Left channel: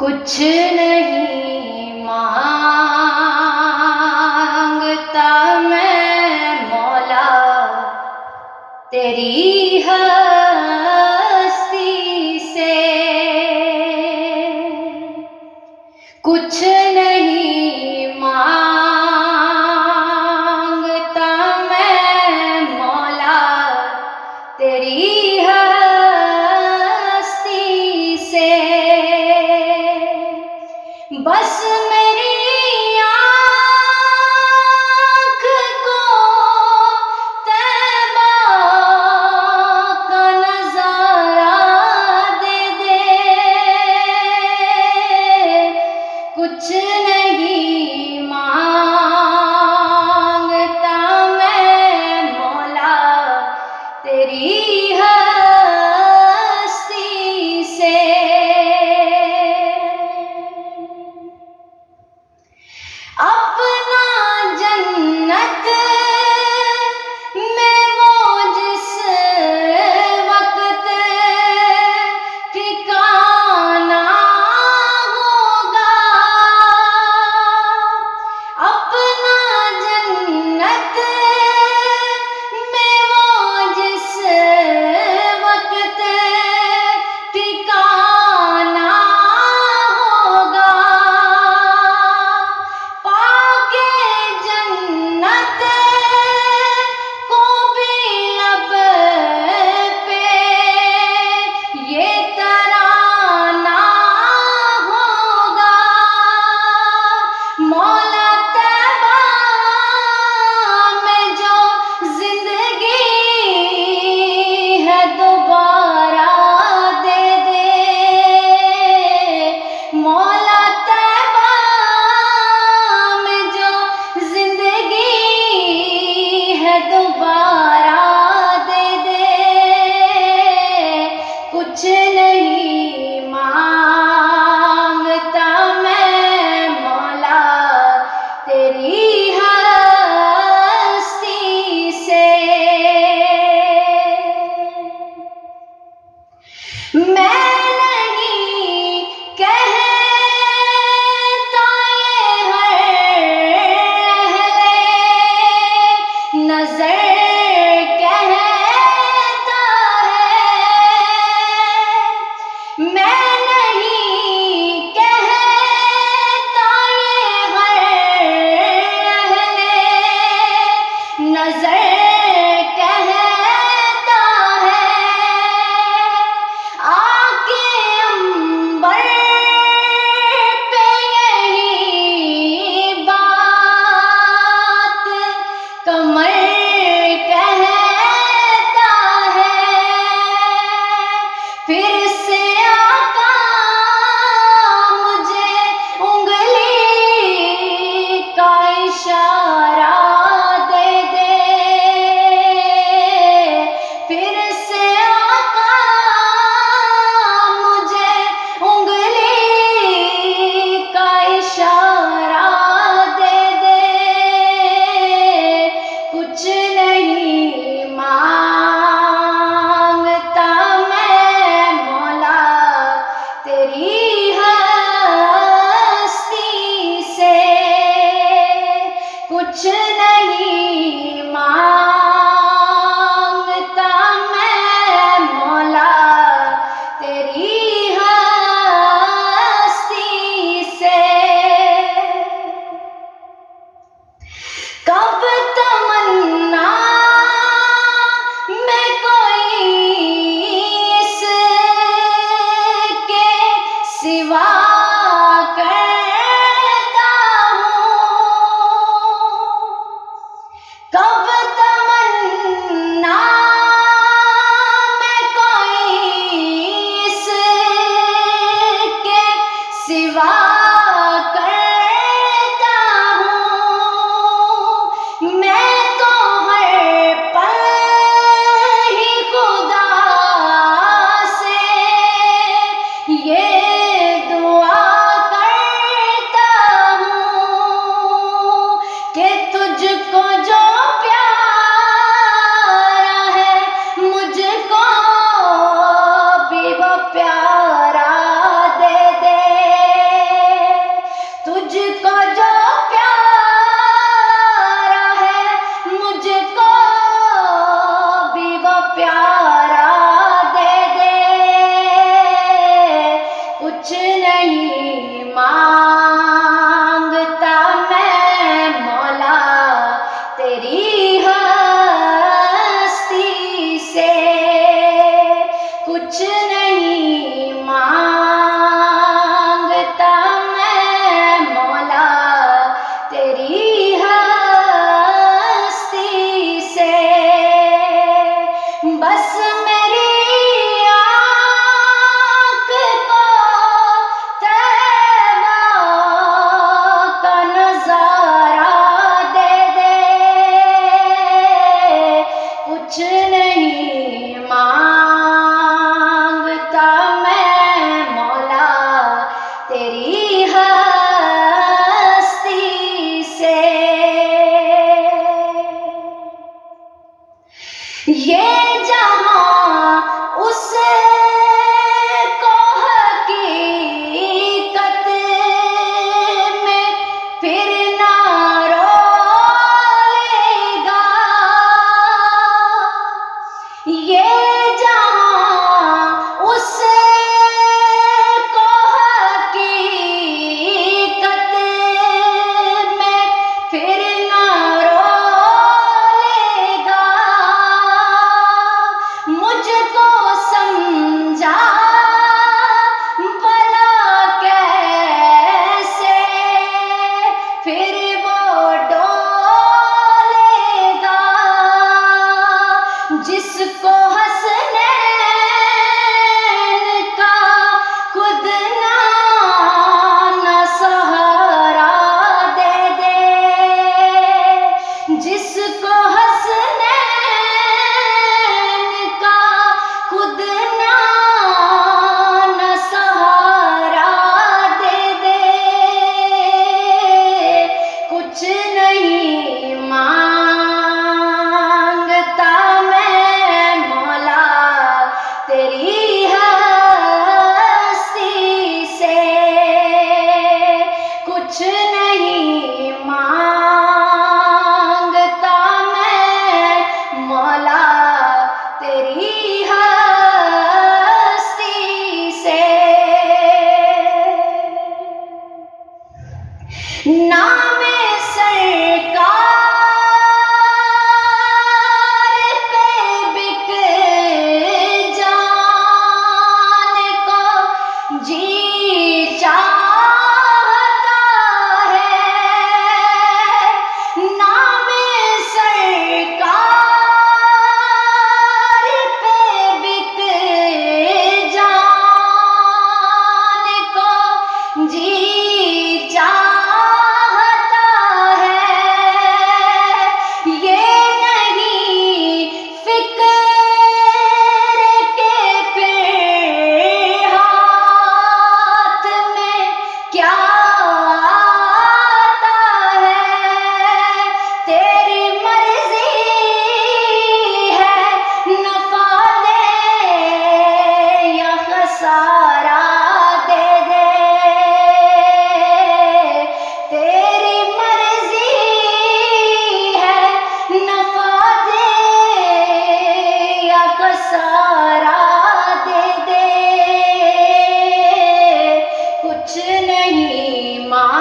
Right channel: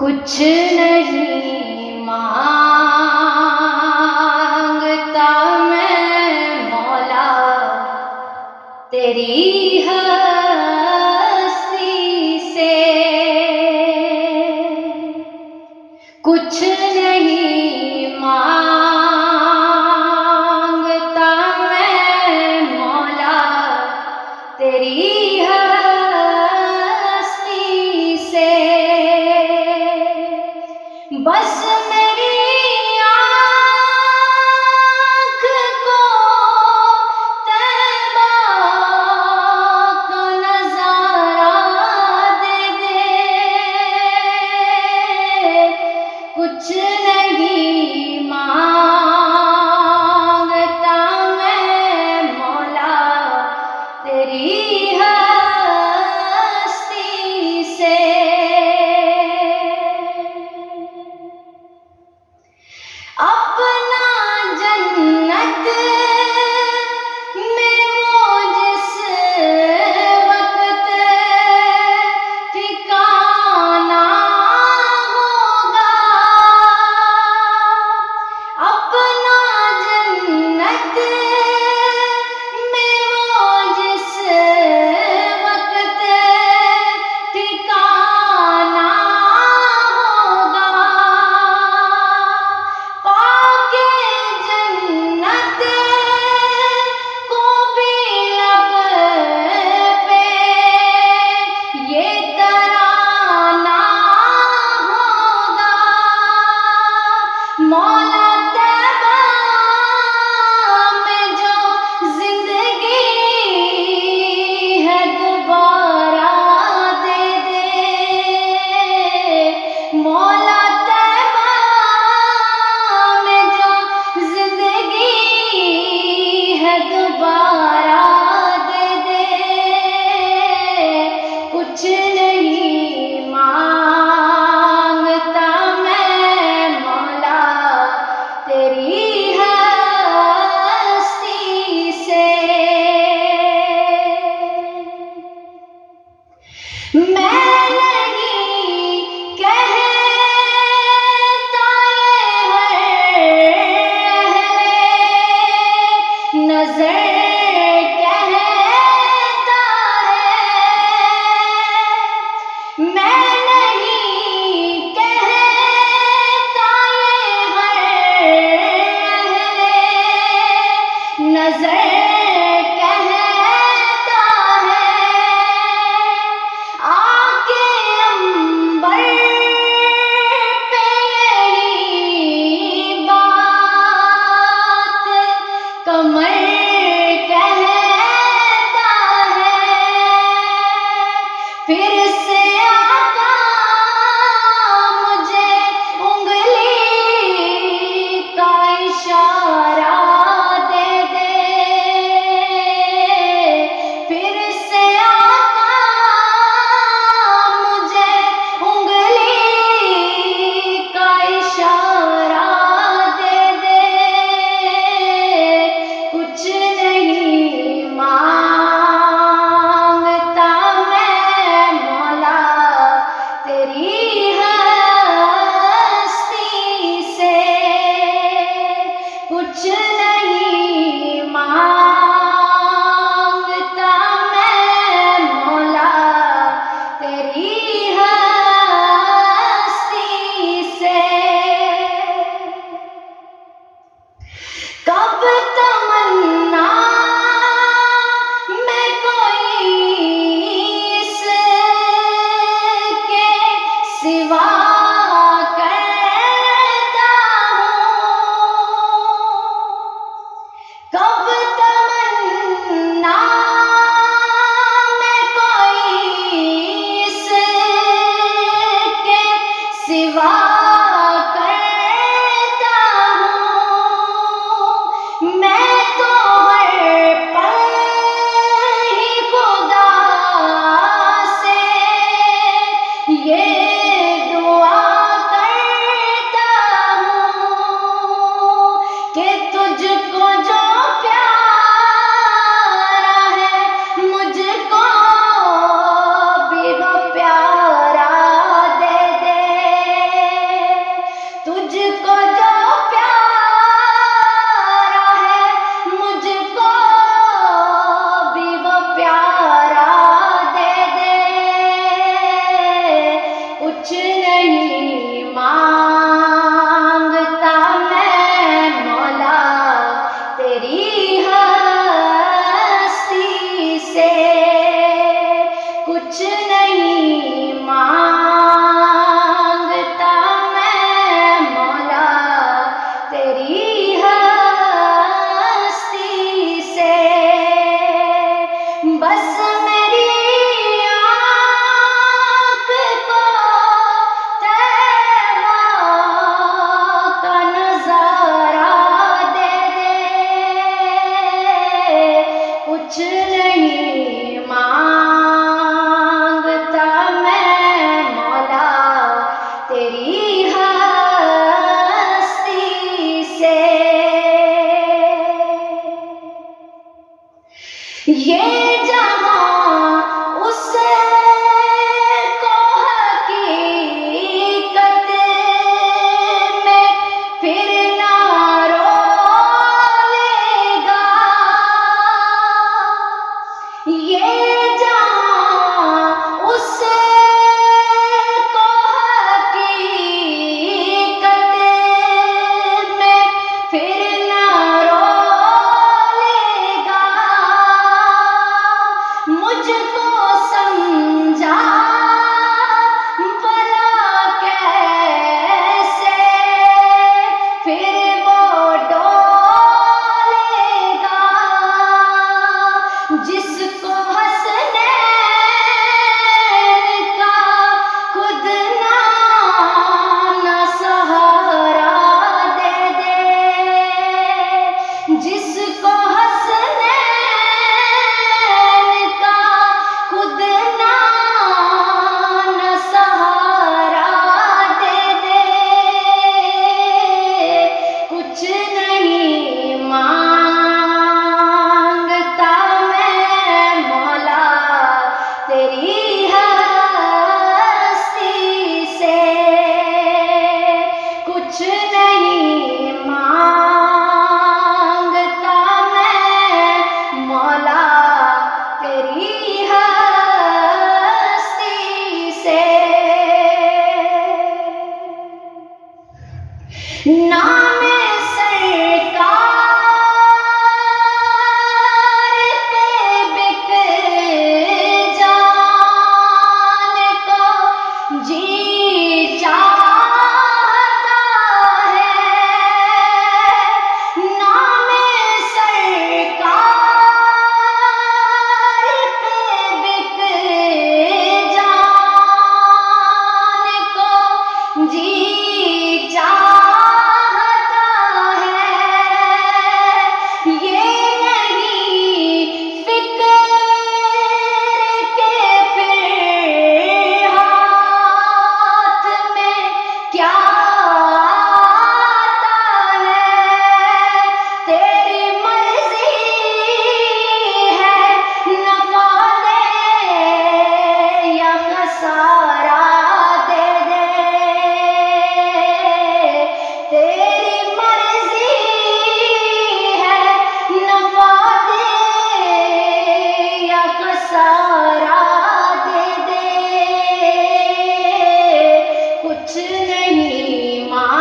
کچھ نہیں مانگتا میں مولا تیری ہستی سے، کچھ نہیں مانگتا میں مولا تیری ہستی سے، بس میری آنکھ کو طیبہ کا نظارہ دے دے، کچھ نہیں مانگتا میں مولا تیری ہستی سے، اپنا جنت میں وہ جس وقت ٹھکانا ہوگا، اپنا جنت میں وہ جس وقت ٹھکانا ہوگا، پاکے جنت کو بھی لب پہ یہ ترانہ ہوگا، مولا طیبہ میں جو زندگی ہے دوبارہ دے دے، مولا طیبہ میں جو زندگی ہے دوبارہ دے دے، کچھ نہیں مانگتا میں مولا تیری ہستی سے، میں نہیں کہتا یہ ہر اہل نظر کہتا ہے، میں نہیں کہتا یہ ہر اہل نظر کہتا ہے، آکے عنبر پہ یہی بات قمر کہتا ہے، پھر سے آقا مجھے انگلی کا اشارہ دے دے، پھر سے آقا مجھے انگلی کا اشارہ دے دے، کچھ نہیں مانگتا میں مولا تیری ہستی سے، کچھ نہیں مانگتا میں مولا تیری ہستی سے، کب تمنا میں کوئی اس کے سوا کرتا ہوں، کب تمنا میں کوئی اس کے سوا کرتا ہوں، میں تو ہر پل ہی خدا سے یہ دعا کرتا ہوں کہ تجھ کو جو پیارا ہے مجھ کو بھی وہ پیارا دے دے، نہیں مانگتا میں مولا تیری ہستی سے، کچھ نہیں مانگتا میں مولا تیری ہستی سے، بس میری آنکھ کو طیبہ کا نظارہ دے دے، کچھ نہیں مانگتا میں مولا تیری ہستی سے، یہ جہاں اس کو حقیقت میں پھر نہ رولے گا، یہ جہاں اس کو حقیقت میں پھر نہ رولے گا، مجھ کو سمجھا بھلا کیسے پھر وہ ڈولے گا، جس کو حسنین کا خود نہ سہارا دے دے، جس کو حسنین کا خود نہ سہارا دے دے، کچھ نہیں مانگتا میں مولا تیری ہستی سے، کچھ نہیں مانگتا میں مولا تیری ہستی سے، نام سرکار پہ بک جان کو جی چاہتا ہے، نام سرکار پہ بک جان کو جی چاہتا ہے، یہ نہیں فکر کے پھر ہاتھ میں کیا آتا ہے، تیری مرضی ہے نفع دے یا خسارہ دے دے، تیری مرضی ہے نفع دے یا خسارہ دے دے، کچھ نہیں مانگتا